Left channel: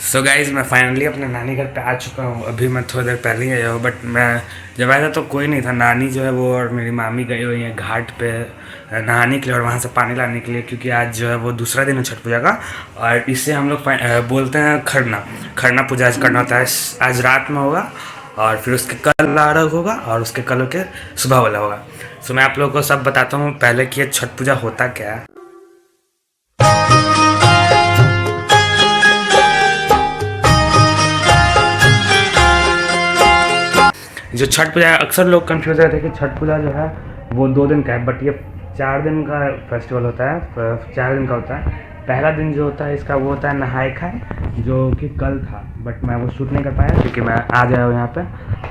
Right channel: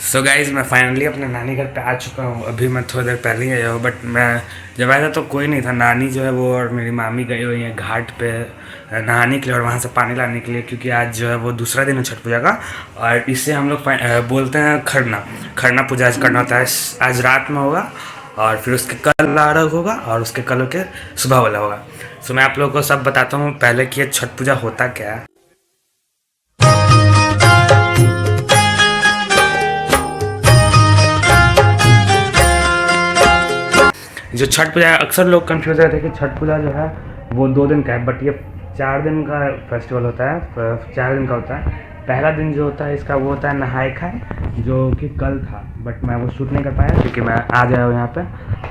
So guys मैं finally अपने नानी घर पे आ चुका हूँ। अभी मैं थोड़ी देर पहले ही आया हूँ, बट मैं जब आया था तो कोई नहीं था। नानी जो है वो और मेरी मामी गई हुई हैं घाट पे नहाने के लिए और वहाँ से पानी लाने के लिए, क्योंकि आज जो है वो दूसरा दिन है छठ पूजा का। और इससे हम लोग बोलते हैं खरना। खरना पूजा आज करना होता है, आज रात में होगा और फिर उसके कल अर्घ होगा और उसके कल के सुबह वाला होगा। सो मैं आप लोगों को सब बताता हूँ पहले कि ये छठ पूजा होता क्या है। जो छठ पूजा है, अक्सर लोग कंफ्यूज रहते हैं कि छठ पूजा जो है वो 2 दिन का है, बट ये 4 दिन का फेस्टिवल होता है। 4 दिन का होता है। पहला दिन जो होता है इसका वो होता है नहाए खाए, जो कि कल था, बट मैं वो शूट नहीं कर पाया क्योंकि मैं आज आया हूँ यहाँ पे।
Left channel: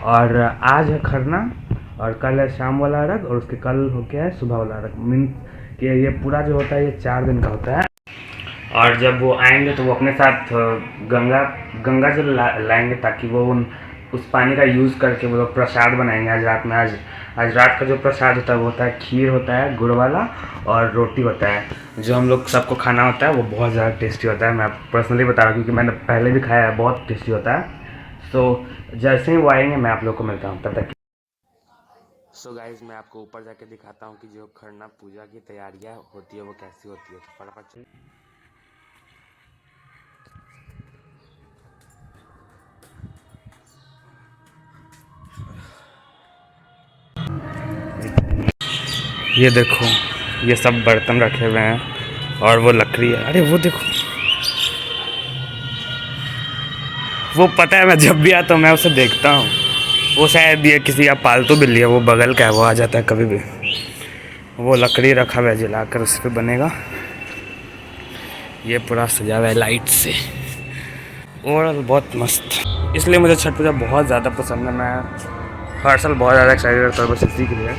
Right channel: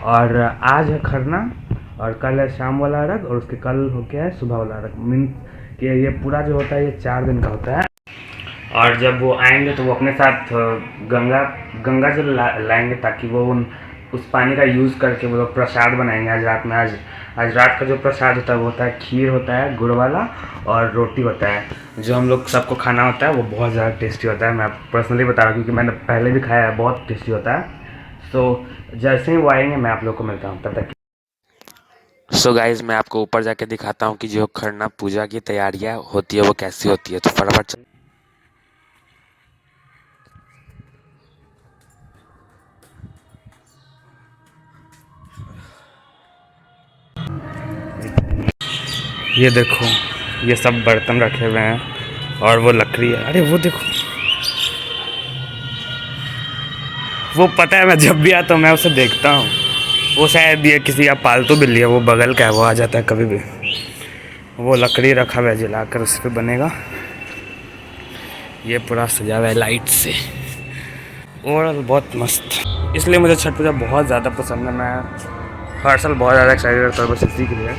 और आज है खरना और कल है शाम वाला अर्घ और उसके कल हो गया है सुबह वाला अर्घ। मीन कि ये पूरा जो होता है ये 4 दिन का होता है। और जब वो आएंगे तो वो अपने साथ गंगा गंगा जल लाएंगे, ताकि वो उस पानी का यूज़ करके वो लोग प्रसाद बनाएंगे आज रात में। आज रात का जो प्रसाद होता है वो होता है खीर होता है गुड़ वाला और रोटी होता है, जो हम लोग सबको खाना होता है। वो बहुत ज़्यादा टेस्टी होता है, मैं पर्सनली बता रहा हूँ क्योंकि मैंने पहले भी खाया है, बहुत टेस्टी होता है। सो जैसे ही वो आएंगे मैं आप लोग को मिलता हूँ, तब तक। सो गाइज मैं आपको ऊपर जाके दिखाता हूँ कि जो खरना पूजा की तैयारियाँ होती है वो कैसी होती है, तो फटाफट। ये देखो, ये सब बर्तन रखे हुए हैं और वो लकड़ी है। अरे वो देखो, वो पता है मैं जब भी आता हूँ मैं उसे देखता हूँ। वो शायद ये किसी का पालतू बिल्ली है, वो बगल का है, वो आ जाता है कभी भी। वो लकड़ी रखा हुआ है, जलाकर उस पर बनेगा। ये पूरा सजा हुआ है लाइट से, ओवरऑल बहुत मस्त। इसलिए मुझे छठ पूजा बहुत ज़्यादा पसंद है। मैं हर साल बहुत ज़्यादा एक्साइटेड रहता हूँ बस इसी के लिए।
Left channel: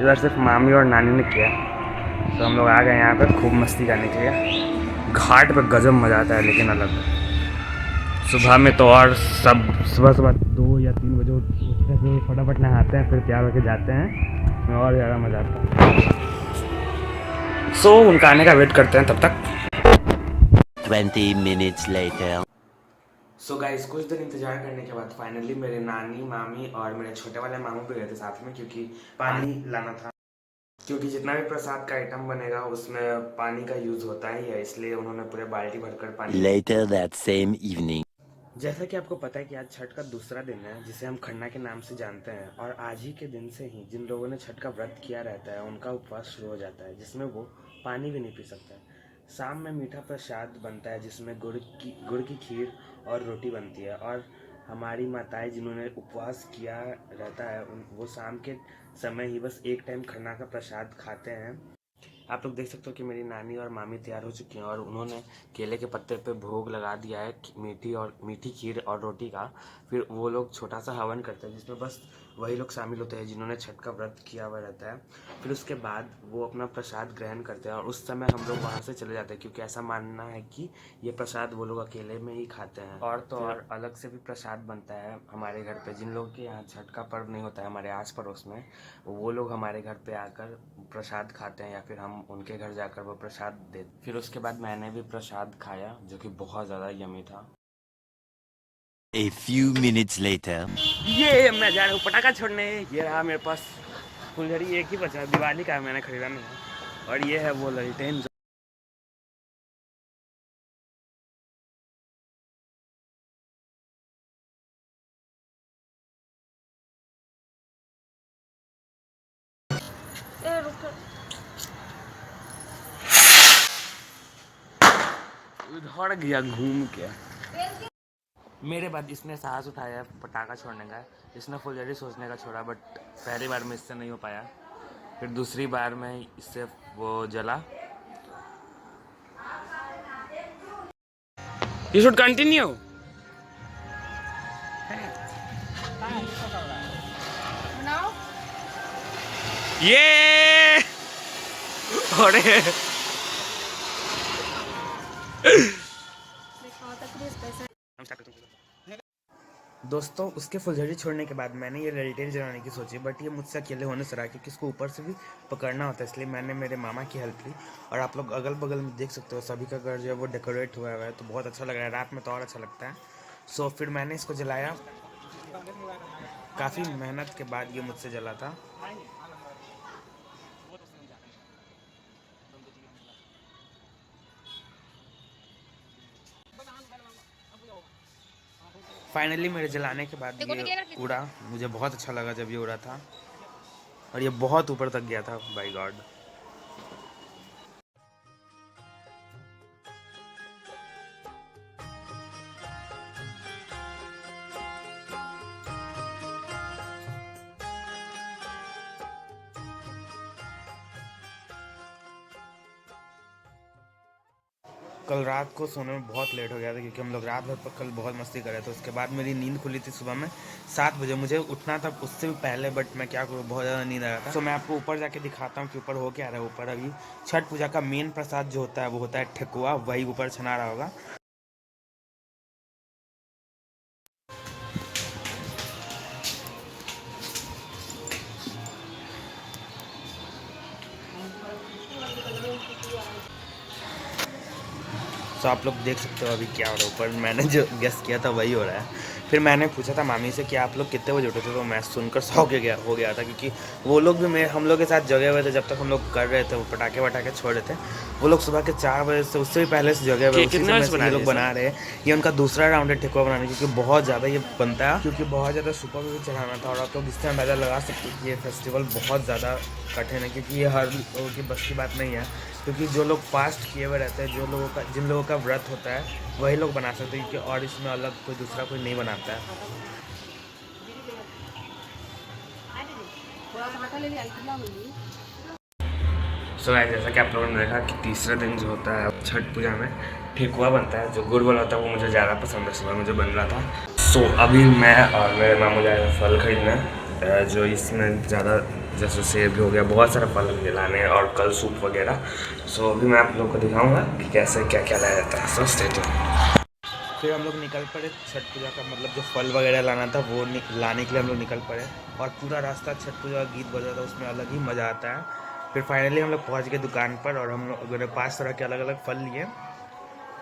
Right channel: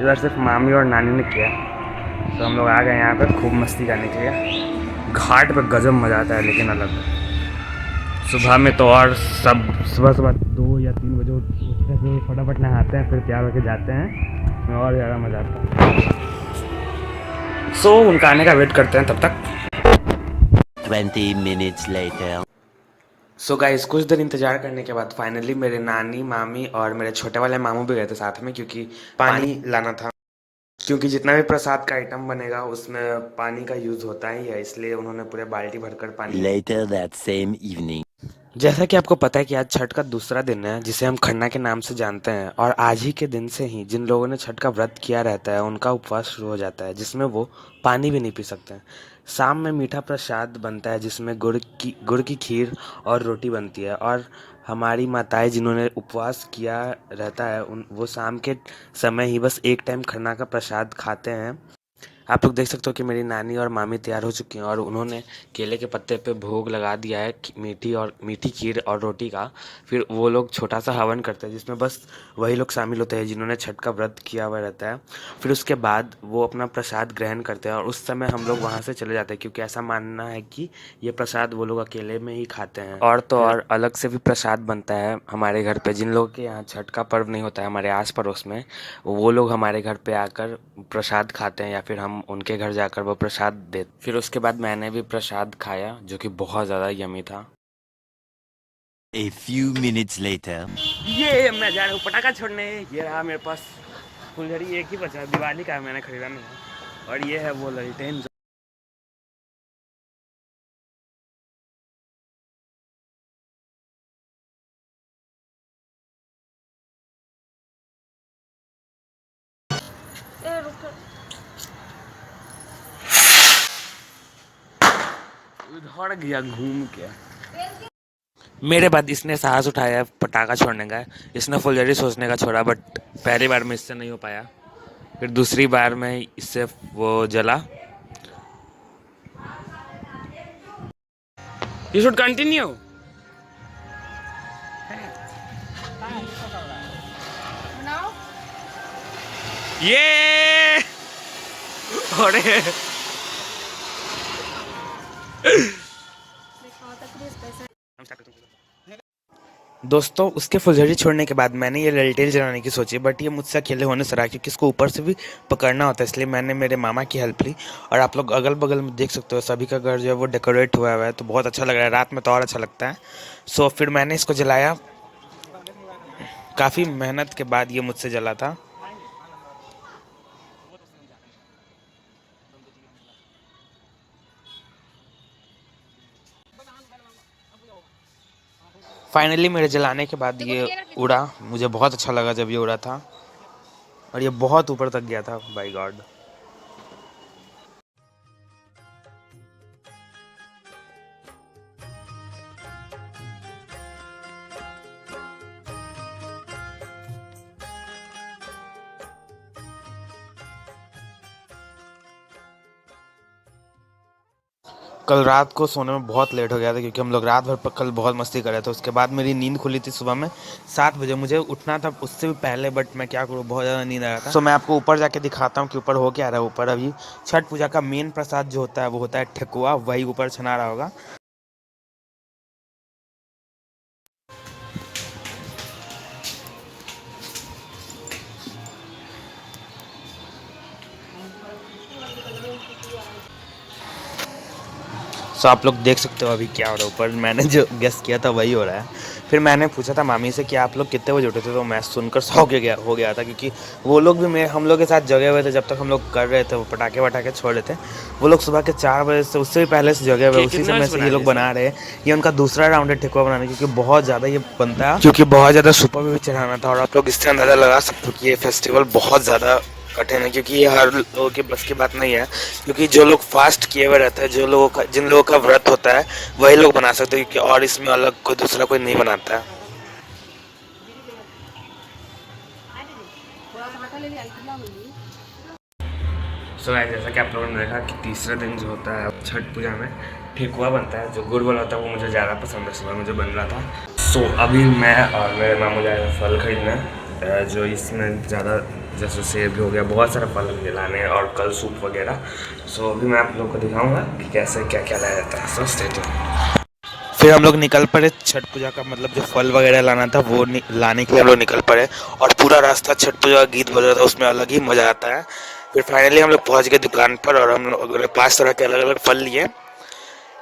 इधर सिर्फ मामी और नानी ने किया, तो हम लोग आ गए यहाँ पे खूब मस्ती करने के लिए। घाट पे गजब मज़ा आता है, लेकिन अलग सुबह में तो। और सब सुबह सुबह 2 या 3 बजे उठते हैं, फिर फटाफट नहाते हैं, फिर तैयार होकर जाते हैं, और ज़्यादा मज़ा आता है। सो उनका आने का वेट करते हैं तब तक। 20 minutes later. सो गाइस कुछ देर इंतजार करने के बाद फाइनली मेरे नानी मामी और मेरे छोटे वाले मामू भी गए थे साथ में, क्योंकि पानी लाना था। क्योंकि जितना भी प्रसाद का आइटम बनेगा उसमें पानी का यूज़ होता ही है, इसलिए उन्होंने पूरे बाल्टी भरकर पानी। Later that same evening. जैसा कि आपको पता है कि आज छठ का दूसरा दिन है, जिसे हम खरना के नाम से जानते हैं। और आज ही के दिन से ही जिन लोगों ने छठ का व्रत किया रहता है उनका उपवास शुरू हो जाता है, जिसमें वो पानी भी नहीं पी सकते हैं। शाम में मीठा प्रसाद बनता है, जिसमें गुड़ की खीर और रोटी बनती है। और हमारी माताएं जिन्होंने उपवास किया रहता है वो शाम के समय ही बस एक टाइम खरना का प्रसाद खाते हैं। आप लोग देख सकते हो कि मेरी नानी और मामी तैयार हो चुकी हैं और उन्होंने केले के पत्ते पे भोग लगा दिया है मीठी खीर और रोटी का। फिर वो लोग छोटा सा हवन करते हैं, जिसमें बस वही लोग शामिल होते हैं जिन्होंने छठ का व्रत किया हुआ रहता है। फिर उसके बाद वो अपना प्रसाद ग्रहण करते हैं और उस समय हम लोग वहाँ से चले जाते हैं, क्योंकि ऐसा मानना है कि ये प्रसाद वो लोग अकेले में ही खाते हैं। और तो और अलग से भी प्रसाद बनता है हमारे घर पे। जिन लोगों के यहाँ छठ का पर्व नहीं होता है हमारे आस पड़ोस में, वो लोग हमारे घर पे आकर प्रसाद खाते हैं या फिर हम उनके घर जाकर वो प्रसाद दे। फिर उसके बाद मैंने भी प्रसाद खाया, जो कि बहुत ज़्यादा यमी था। A few minutes later. ये मैं जा रहा हूँ पटाखा छोड़ने। ये रहा मेरे पास फुलझड़ी, एक ही बचा है, दिवाली का है, मैंने खरीदा नहीं है। और ये है वो ललटेन। उधर गया घूम के। मेरे बाद इसने साहस उठाया पटाखा छोड़ने का। इसने फुलझड़ी सोचने का छोड़ा, बट पहली बार में इससे नहीं हो पाया। फिर दूसरी बार में इससे वो जला। You should continue. ये अरे दोस्तों उसके फुलझड़ी छोड़ने के बाद मैंने ये रेलटेल जलाने की सोची, बट ये मुझसे अकेले होने से रहा क्योंकि इसको ऊपर से भी पकड़ना होता है, इसलिए मैंने मेरे मामा की हेल्प ली। और आप लोग अगल बगल में देख सकते हो सभी का घर जो है वो डेकोरेट हुआ हुआ है, तो बहुत अच्छा लग रहा है, रात में तो और अच्छा लगता है। सो फिर मैंने इसको जलाया, काफ़ी मेहनत के बाद ये मुझसे जला था। फाइनली मेरे जलाने के बाद ये उड़ा, मुझे बहुत अच्छा लगा जब ये उड़ा था, और ये बहुत ऊपर तक गया था, बाय गॉड। कल रात को सोने में बहुत लेट हो गया था क्योंकि हम लोग रात भर कल बहुत मस्ती कर रहे थे। उसके बाद मेरी नींद खुली थी सुबह में 7 बजे, मुझे उठना था उससे भी पहले, बट मैं क्या करूँ, बहुत ज़्यादा नींद आ रहा था। सो मैं आपको ऊपर जाके दिखाता हूँ कि ऊपर हो क्या रहा है। ऊपर अभी छठ पूजा का मेन प्रसाद जो होता है वो होता है ठेकुआ, वही ऊपर छना रहा होगा। सो आप लोग देख सकते हो अभी क्या हो रहा है ऊपर, मैंने जो गेस किया था वही हो रहा है। फिर मैंने पूछा था मामी से कि आप लोग कितने बजे उठे थे, तो मैं सुनकर सौ के गया हो गया था क्योंकि वो लोग भी हम लोग के साथ जगे हुए थे जब तक हम लोग कर रहे थे, वो पटाखे वटाखे छोड़ रहे थे। वो लोग सुबह के 4 बजे से, उससे भी पहले से जगे हुए, उसी समय से ये लोग बना रहे हैं। ये उनका दूसरा राउंड है ठेकुआ बनाने, क्योंकि बहुत ज़्यादा ये बनता है, क्योंकि बहुत ज़्यादा सुपर भी चढ़ाना था। और आप लोग इससे अंदाज़ा लगा सकते हो कि ये फेस्टिवल बहुत ज़्यादा कठिन है, क्योंकि ये हर लोगों की बस की बात नहीं है। क्योंकि जो लोग फास्ट किए हुए रहते हैं, जिन लोगों का व्रत होता है, वही लोग बना सकते हैं, क्योंकि और इसमें अलग कोई दूसरा कोई नहीं बनाता है। सो गाइस, जैसा कि आप लोगों ने देखा कि तीसरे दिन जो होता है छठ पूजा में ठेकुआ बनता है, जो गुड़ वाला होता है, वो मुझे ज़्यादा पसंद है, सुबह मुझे बन रहा था। सो अभी मैं और मेरे मामू जा रहे हैं फल खरीदने, जो इसमें ज़्यादा, जैसे सेब भी हो गया, बहुत सारा फल मुझे लाने हैं, और कल सूप वगैरह। सो अभी मैं आप लोग को दिखाऊंगा कि कैसे क्या क्या लाया जाता है। सो स्टे ट्यून्ड। फिर हम लोग निकल पड़े छठ पूजा का, मतलब जो फल वगैरह लाना था वो लाने के लिए हम लोग निकल पड़े, और पूरा रास्ता छठ पूजा का गीत बज रहा था, उसमें अलग ही मज़ा आता है। फिर फाइनली हम लोग पहुँच गए दुकान पर, और हम लोग 5 तरह के अलग अलग फल लिए।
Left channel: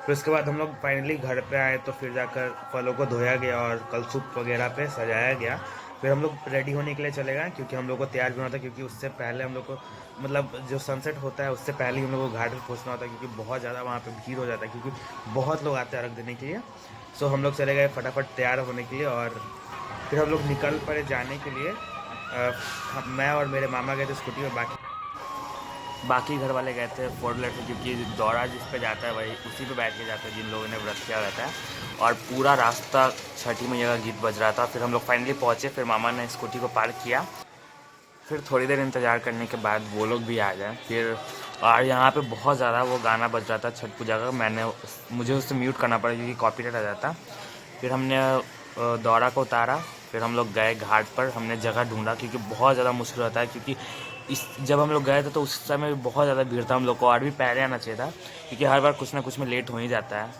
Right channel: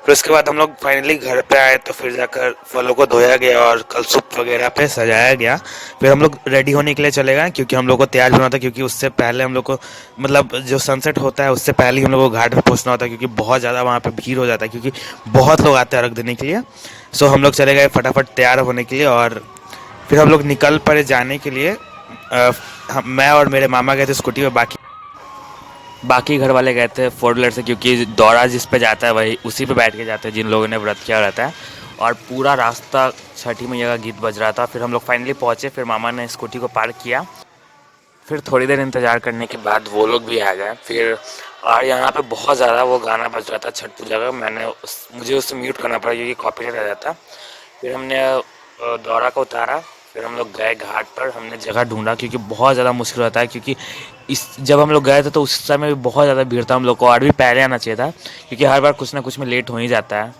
फिर उसके बाद हम लोग फाइनली घर पे आए, तो फिर जाकर फलों को धोया गया और कलसूप वगैरह पे सजाया गया। फिर हम लोग रेडी होने के लिए चले गए, क्योंकि हम लोग को तैयार भी होना था, क्योंकि उससे पहले हम लोग को, मतलब जो सनसेट होता है उससे पहले ही हम लोग को घाट पर पहुंचना होता है, क्योंकि बहुत ज़्यादा वहाँ पे भीड़ हो जाता है, क्योंकि बहुत लोग आते हैं अर्घ देने के लिए। सो हम लोग चले गए फटाफट तैयार होने के लिए, और फिर हम लोग निकल पड़े जाने के लिए। मैं और मेरे मामा गए थे स्कूटी में, बाकी घर वाले गए थे 4 व्हीलर से, क्योंकि दौरा जिस पे जाता है वही उसी पे बैठ के जाते हैं जिन लोगों ने व्रत किया रहता है। और पूरा रास्ता छठी मैया का गीत बज रहा था। फिर हम लोग फाइनली पहुँचे, फिर मामा ने स्कूटी को पार्क किया। फिर थोड़ी देर इंतज़ार करने के बाद वो लोग भी आ गए। फिर और यहाँ पे बहुत ज़्यादा वो गाना बज रहा था छठ पूजा का, मुझे उससे म्यूट करना पड़ा क्योंकि कॉपीराइट आ जाता। फिर हमने दौरा को उतारा, फिर हम लोग गए घाट पर, हमने जगह ढूंढा क्योंकि बहुत ज़्यादा मुश्किल होता है, क्योंकि जब हम लोग गए थे तो उस समय भी बहुत ज़्यादा भीड़ था, हम लोग को और भी पहले आना चाहिए था, क्योंकि हर बार कुछ ना कुछ में लेट हो ही जाता है।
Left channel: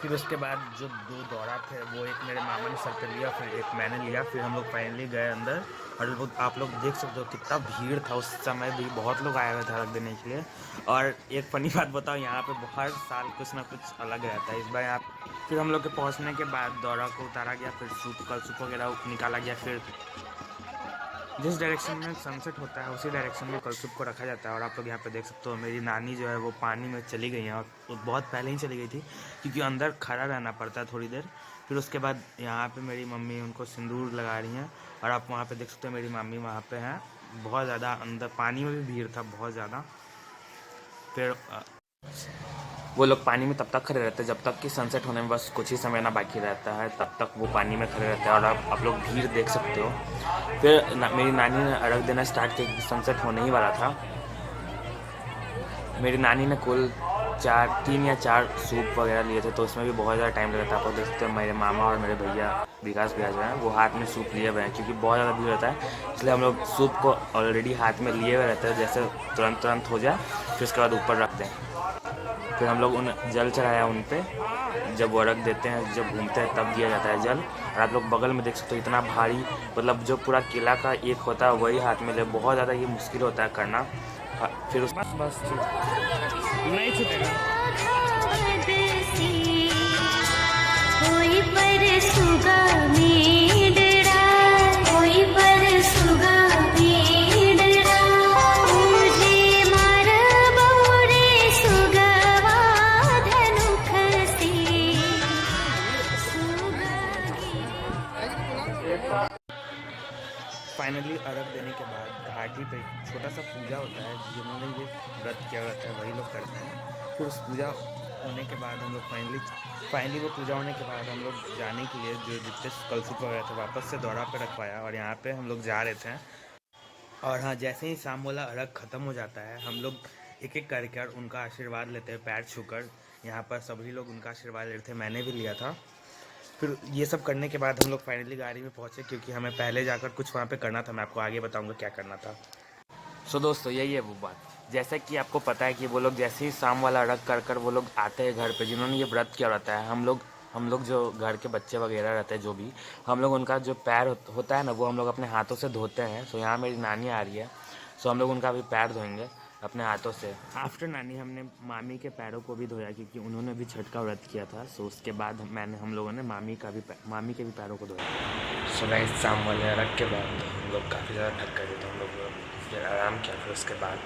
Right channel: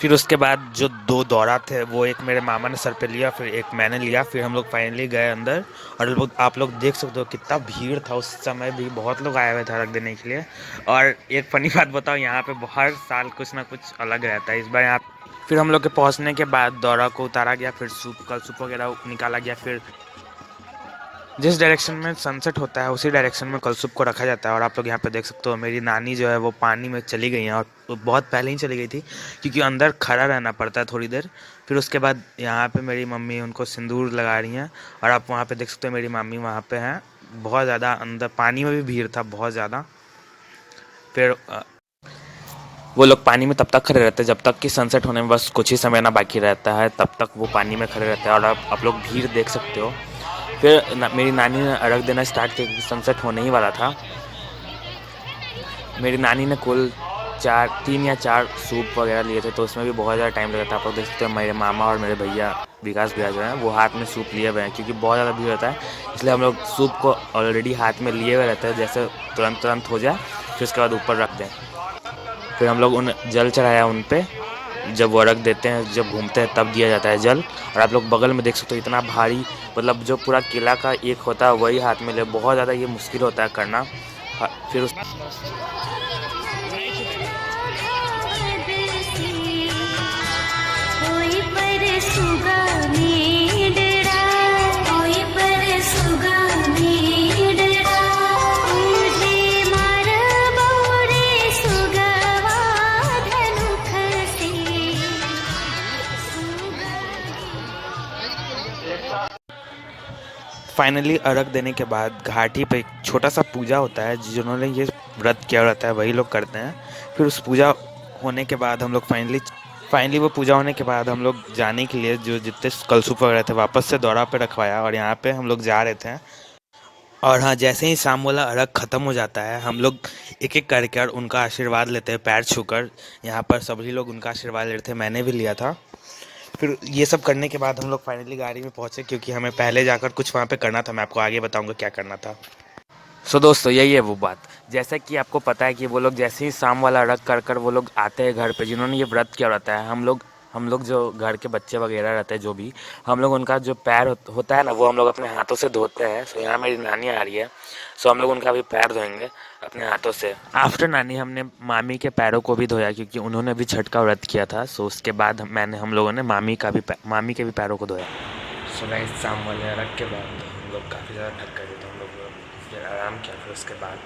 फिर उसके बाद जो 2 दौरा थे, वो एक मेरे मामा ने सर पे लिया, फिर एक मैंने लिया। फिर हम लोग फाइनली गए अंदर, और आप लोग देख सकते हो कितना भीड़ था, उस समय भी बहुत लोग आए हुए थे अर्घ देने के लिए। और एक फ़नी बात बताओ, यहाँ पे हर साल कुछ ना कुछ अलग रहता है, इस बार यहाँ। फिर हम लोग के पहुँचने के बाद दौरा को उतारा गया, फिर कल सूप वगैरह निकाला गया। फिर जिस डायरेक्शन में सनसेट होता है उसी डायरेक्शन में कलसुप को रखा जाता है। और आप लोग यहाँ पे देख सकते हो मेरी नानी जो है वो पानी में चली गई हैं, और वो बहुत पहले ही चली गई थी, क्योंकि अंदर खड़ा रहना पड़ता है थोड़ी देर। फिर उसके बाद यहाँ पे मेरी मम्मी उनको सिंदूर लगा रही हैं, और आप वहाँ पे देख सकते हो मेरी मम्मी वहाँ पे हैं। बहुत ज़्यादा अंदर पानी में भी भीड़ था, बहुत ज़्यादा। फिर वो लोग पानी में तब तक खड़े रहते हैं जब तक कि सनसेट होने में बस कुछ ही समय ना बाकी रहता है, तब तक वो पानी में खड़े रहते हैं। और आप लोग भीड़ देख सकते हो। फिर मेरी नानी ने अर्घ देना स्टार्ट किया, क्योंकि सनसेट होने ही वाला था। मेरी नानी ने कुल 3 या 4 सूप वगैरह लिए थे, तो उसमें भी बहुत ज़्यादा टाइम लगा था। आप लोग देख सकते हैं मेरे मामा और मेरे भैया विकास भैया जो हैं वो हाथ में सूप लिए हुए हैं, क्योंकि बहुत ज़्यादा भीड़ होता है, इसलिए हम लोग सूप को ऑलरेडी हाथ में लिए हुए रहते हैं, जैसे तुरंत हो जाए फिर उसके बाद ऊपर रख दें। फिर हम लोग उन जल चढ़ाया उन पे। जब वो अर्घ देते हैं, जब घूमते हैं तब दिया जाता है जल। और आप लोग बगल में देख सकते हो इतना भारी, मतलब जो पूरा किला का एक होता है वही हाथ में ले, बहुत ज़्यादा ये मुश्किल होता है करना। फिर उस कोई पर सुगा मेडड़ा, कोई पर सुगा मेडड़ा, तुझे मार बौरे सुगवा धनुख से, फाइनली अर्घ देने के बाद घाटी पे एक छोटा सा पूजा होता है। जिन्होंने ये व्रत किया रहता है वही लोग करते हैं। फिर उस पूजा होने के बाद हम लोग फाइनली वो पूजा होने के बाद हम लोग जाने के लिए जो जितने कलसुप वगैरह थे वापस से दौरा पे रखवाया, और यहाँ पे हम लोग जा रहे थे। और हाँ, जैसे ही शाम वाला अर्घ ख़त्म हो जाता है हम लोग एक एक करके और उनका आशीर्वाद लेते हैं पैर छूकर। यहाँ पर सभी लोग उनका आशीर्वाद ले रहे थे, मैंने भी लिया था। फिर ये सब करने के बाद हम लोग फाइनली गाड़ी में पहुँचे, क्योंकि हमें पहले जाकर कुछ वहाँ पे करना था। मैं आपको आगे बताऊँगा क्या करना था। दोस्तों यही है वो बात, जैसा कि आपको पता है कि वो लोग जैसे ही शाम वाला अर्घ कर कर वो लोग आते हैं घर पे, जिन्होंने ये व्रत किया रहता है। हम लोग जो घर के बच्चे वगैरह रहते हैं जो भी, हम लोग उनका जो पैर होता है ना, वो हम लोग अपने हाथों से धोते हैं। सो यहाँ मेरी नानी आ रही है, सो हम लोग उनका भी पैर धोएंगे अपने हाथों से। आफ्टर नानी हमने मामी के पैरों को भी धोया, क्योंकि उन्होंने भी छठ का व्रत किया था। सो उसके बाद हम लोगों ने मामी के भी पैरों को धोया। सो गाइस, शाम वाले अर्घ के बाद हम लोग काफ़ी ज़्यादा थक गए थे। हम लोग फिर आराम किया। फिर उसके बाद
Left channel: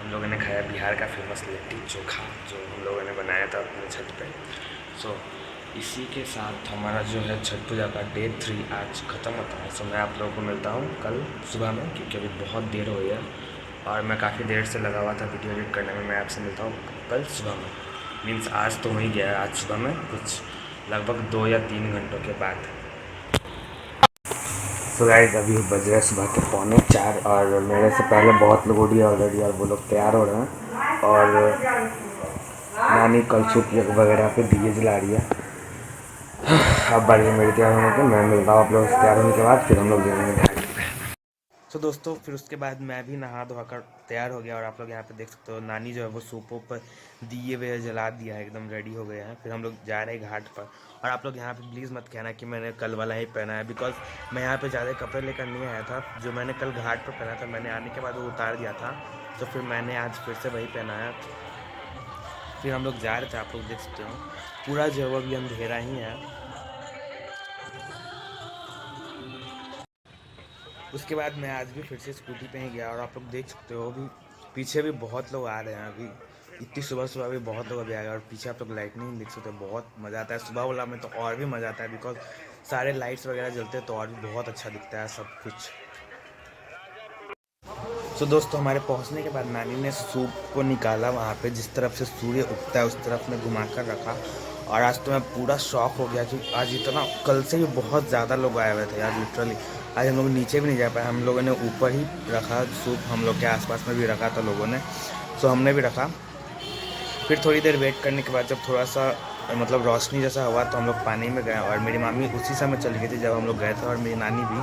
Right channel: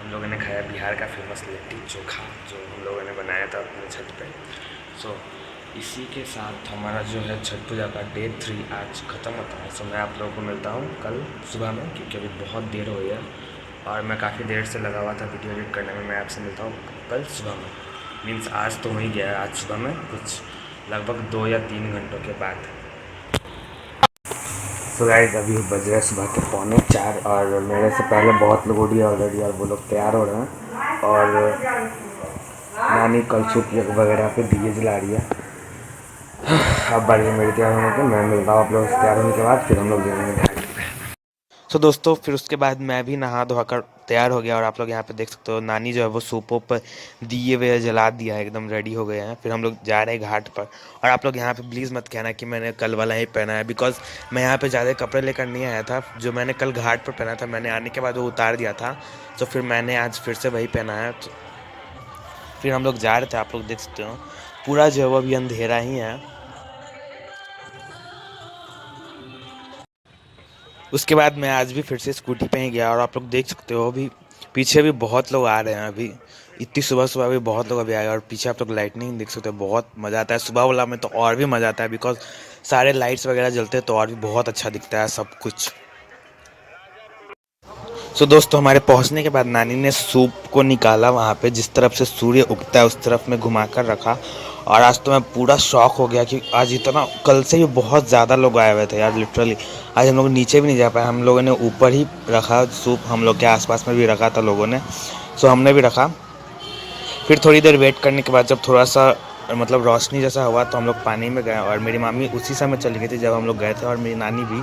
हम लोगों ने खाया बिहार का फेमस लिट्टी चोखा, जो हम लोगों ने बनाया था अपने छत पे। सो इसी के साथ हमारा जो है छठ पूजा का डे 3 आज ख़त्म होता है। सो मैं आप लोगों को मिलता हूँ कल सुबह में, क्योंकि अभी बहुत देर हो गई है और मैं काफ़ी देर से लगा हुआ था वीडियो एडिट करने में। मैं आपसे मिलता हूँ कल सुबह में, मीन्स आज तो हो ही गया है, आज सुबह में कुछ लगभग 2 या 3 घंटों के बाद। सो गाइस, अभी बज रहे सुबह के 3:45 और मेरे से पहले बहुत लोग उठी ऑलरेडी, और वो लोग तैयार हो रहे हैं। और नानी कलछुप वगैरह पे दिए जला रही है। अब बारी मेरी तैयार होने की, मैं मिलता हूँ आप लोग से तैयार होने के बाद। फिर हम लोग जाएंगे। दोस्तों फिर उसके बाद मैं भी नहा धोकर तैयार हो गया, और आप लोग यहाँ पे देख सकते हो नानी जो है वो सूपों पर दिए हुए जला दिया है, एकदम रेडी हो गए हैं। फिर हम लोग जा रहे हैं घाट पर। और आप लोग यहाँ पे प्लीज़ मत कहना कि मैंने कल वाला ही पहना है, बिकॉज मैं यहाँ पे ज़्यादा कपड़े लेकर नहीं आया था। जो मैंने कल घाट पर पहना था, मैंने आने के बाद वो उतार दिया था, तो फिर मैंने आज फिर से वही पहना है। फिर हम लोग जा रहे थे, आप लोग देख सकते हो पूरा जो है वो अभी अंधेरा ही है। उसके बाद मैं आज भी फिर से स्कूटी पे ही गया, और आप लोग देख सकते हो अभी पीछे भी बहुत लोग आ रहे हैं। अभी इतनी सुबह सुबह भी बहुत लोग अभी आए, और पीछे आप लोग लाइटनिंग देख सकते हो, बहुत मज़ा आता है। सुबह वाला में तो और भी मज़ा आता है, बिकॉज सारे लाइट्स वगैरह जलते हैं तो और भी बहुत अच्छा दिखता है सब कुछ। दोस्तों हमारे पहुंचने के बाद नानी ने सूप को निकाला, वहाँ पे जिस तरफ से सूर्य उगता है उस तरफ में घुमा कर रखा। और आज तो मैं पूरा शॉक हो गया कि आज इतना, कल से ही बहुत ज़्यादा लोग आए हुए थे यार, लिटरली। आज हम लोग नीचे भी नहीं जा पाए, हम लोगों ने ऊपर ही रखा सूप, हम लोग के आसपास में भी रखा था लोगों ने, सो हमने भी रखा। फिर थोड़ी देर वेट करने के बाद जब थोड़ा सा मतलब रोशनी जैसा हुआ तो हम लोग पानी में गए, और मेरी मामी उसी समय चली गई थी जब हम लोग गए थे, और मेरी नानी भी।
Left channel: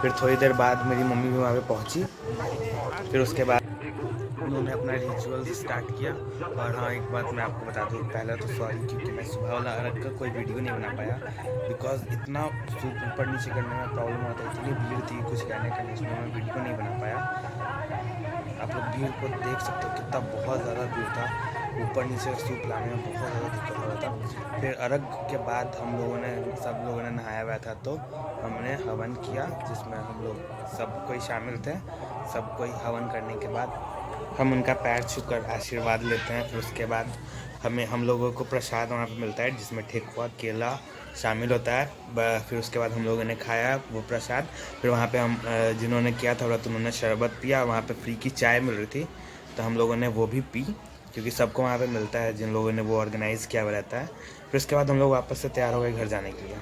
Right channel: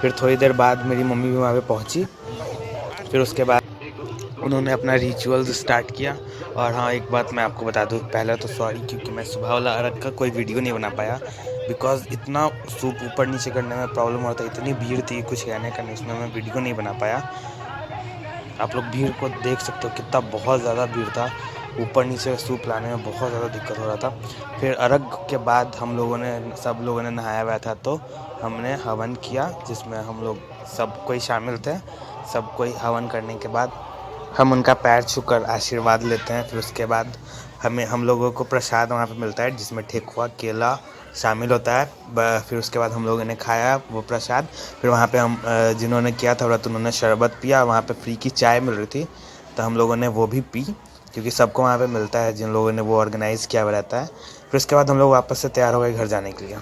फिर थोड़ी देर बाद मेरी मम्मी भी वहाँ पे पहुँची। फिर उसके बाद उन्होंने अपना रिचुअल्स स्टार्ट किया। और हाँ, एक बात मैं आपको बता दूँ, पहले तो सॉरी, क्योंकि मैं सुबह वाला अर्घ का कोई वीडियो नहीं बना पाया, बिकॉज इतना सूप ऊपर नीचे करने में प्रॉब्लम होता है, इतनी भीड़ थी कुछ कहने का नहीं, उसमें मैं वीडियो नहीं बना पाया। आप लोग भीड़ को देख सकते हो कितना, बहुत ज़्यादा भीड़ था, ऊपर नीचे सूप लाने में बहुत ज़्यादा दिक्कत हो रहा था। फिर अर्घ के बाद सब लोगों ने नहाया हुआ था, तो हमने हवन किया, जिसमें हम लोग सब कोई शामिल थे। सब कोई हवन करने के बाद हम उनका पैर छूकर आशीर्वाद लेते हैं। फिर उसके बाद हम लोगों को प्रसाद वहाँ पे मिलता है, जिसमें ठेकुआ केला शामिल होता है। फिर उसके बाद हम लोगों ने खाया वो प्रसाद। फिर वहाँ पे हम जिन्होंने किया था व्रत उन्होंने शरबत पिया, वहाँ पे फ्री की चाय मिल रही थी, तो हम लोगों ने वो भी पी, क्योंकि सबको वहाँ पे मिलता है जिन लोगों ने वो ऑर्गेनाइज़ किया हुआ रहता है। फिर उसके बाद हम लोग वापस से तैयार हो गए घर जाने के लिए।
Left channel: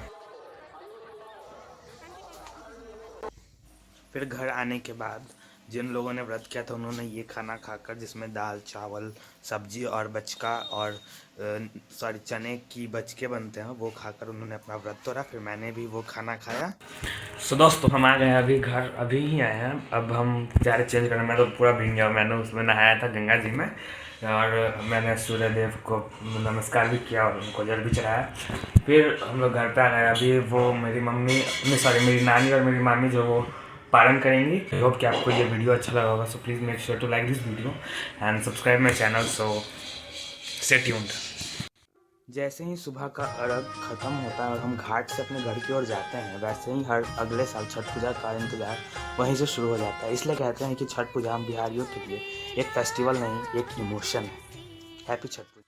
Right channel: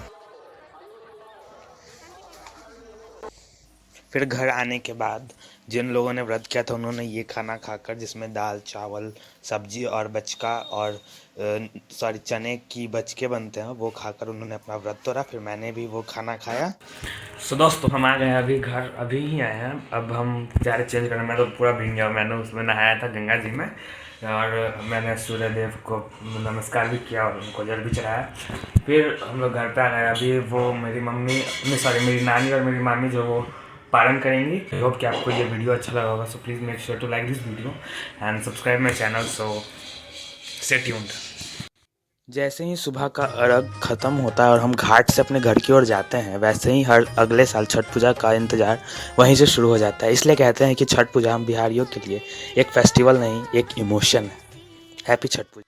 फिर घर आने के बाद जिन लोगों ने व्रत किया था उन्होंने ये खाना खाकर, जिसमें दाल चावल सब्जी और बचका और चने की बचके बनते हैं, वो खाकर उन्होंने अपना व्रत तोड़ा। फिर मैंने भी वो खाना खाया। सो दोस्तों, हम आ गए अभी घर, अभी ही आए हैं। अब हम जा रहे चेंज करने। मैं तो पूरा भीग गया, मैंने उसमें नहाया था गंगा जी में, और मैंने सूर्यदेव को नमस्कार भी किया और उनको जल भी चढ़ाया। फिर हम लोग घर पे आ गए। अभी वो मेरी मेरी नानी और मेरी मामी जो वो पालन करेंगी। आई होप कि आपको ये वीडियो अच्छा लगा होगा। So please make sure to like this video and subscribe my channel. So stay tuned. जैसे ही सुबह का अर्घ खत्म होता है और हम घाट से अपने घर की ओर जाते हैं, वैसे ही हर अगले साल छठ पूजा का इंतज़ार वहीं से शुरू हो जाता है। इसलिए कहते हैं कि छठ पूजा हम बिहारियों के लिए एक फेस्टिवल नहीं, एक इमोशन है। हैप्पी छठ पूजा।